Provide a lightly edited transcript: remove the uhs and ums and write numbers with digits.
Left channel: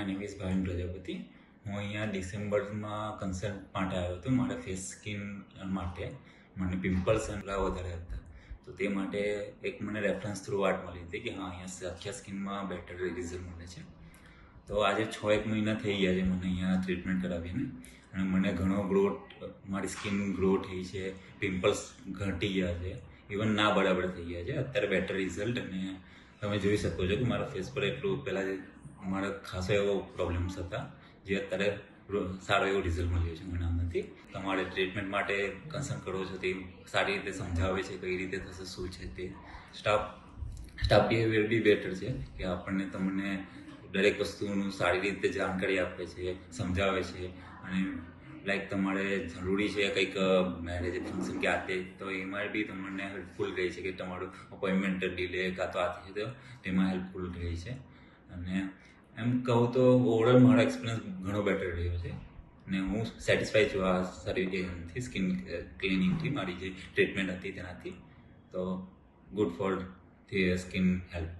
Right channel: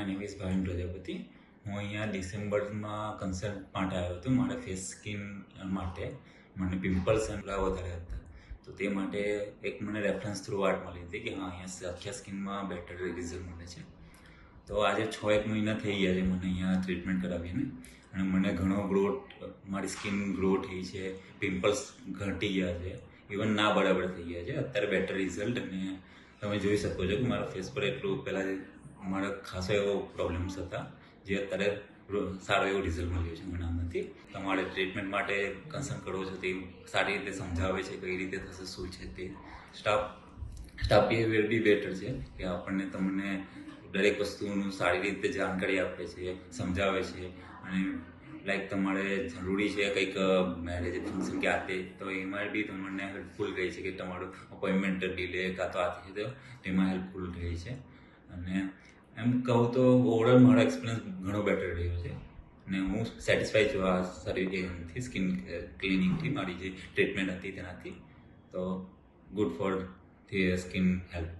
My name is Bhavin Prajapati. હું અહીંયા ડિસેમ્બરમાં કન્સલ્ટ માટે આવ્યો હતો. મારા ફેસ સ્કિન માટે મને પિમ્પલ્સ એટલા વધારે હતા, તો તે માટે એક મને રેફરન્સ થ્રુ વાત મળી હતી કે હા, અહીંયા આખા સ્કિનમાં બેટર રિઝલ્ટ મળે છે. તો આજે 6-1 મહિના થઈ ગયા છે મને અહીંયા ટ્રીટમેન્ટ કરાવીને, અને મને ઘણો મારી સ્કિન ગ્રો થઈ છે, પિમ્પલ્સ ઘટી ગયા છે, ઇવન ના બરાબર થઈ ગયા છે. અત્યારે બેટર રિઝલ્ટ, અને તમે જોઈ શકો છો કે મારા ફેસ પર એટલું પહેલાં મારા ખાસો એવો પ્રોબ્લેમ્સ હતા, જે અત્યારે સારો એવો રિઝલ્ટ મળ્યો છે મને આમાંથી. તમારે ટ્રીટમેન્ટ માટે કન્સલ્ટ કરવો છે તે સારી રીતે સમજાવે છે, કઈ રીતે થશે, શું છે તે. સ્ટાફ બિહેવિયર બી બેટર છે કે આપણને તમને દરેક વસ્તુનું સારી રીતે જાણકારી આપે છે, સમજાવે છે. અને લાઈક તમારે જરૂરી છે કંઈક મેરેજ ફંક્શન કે આ તે, તો એમાં બી તમને હેલ્પફુલ રહે છે કે તમારું અપોઇન્ટમેન્ટ ડીલે કાં તો આથી તો તેમાં હેલ્પફુલ રહે છે. અને એમ કહું તો ઓવરઓલ મારો એક્સપિરિયન્સ ઘણો બેટર રહ્યો છે, અને હું સેટિસ્ફાઈ છું આ સારી એનાથી સ્કિન ક્લિનિકથી. મારી જે ટ્રીટમેન્ટ હતી તેનાથી, તો good for the skin health.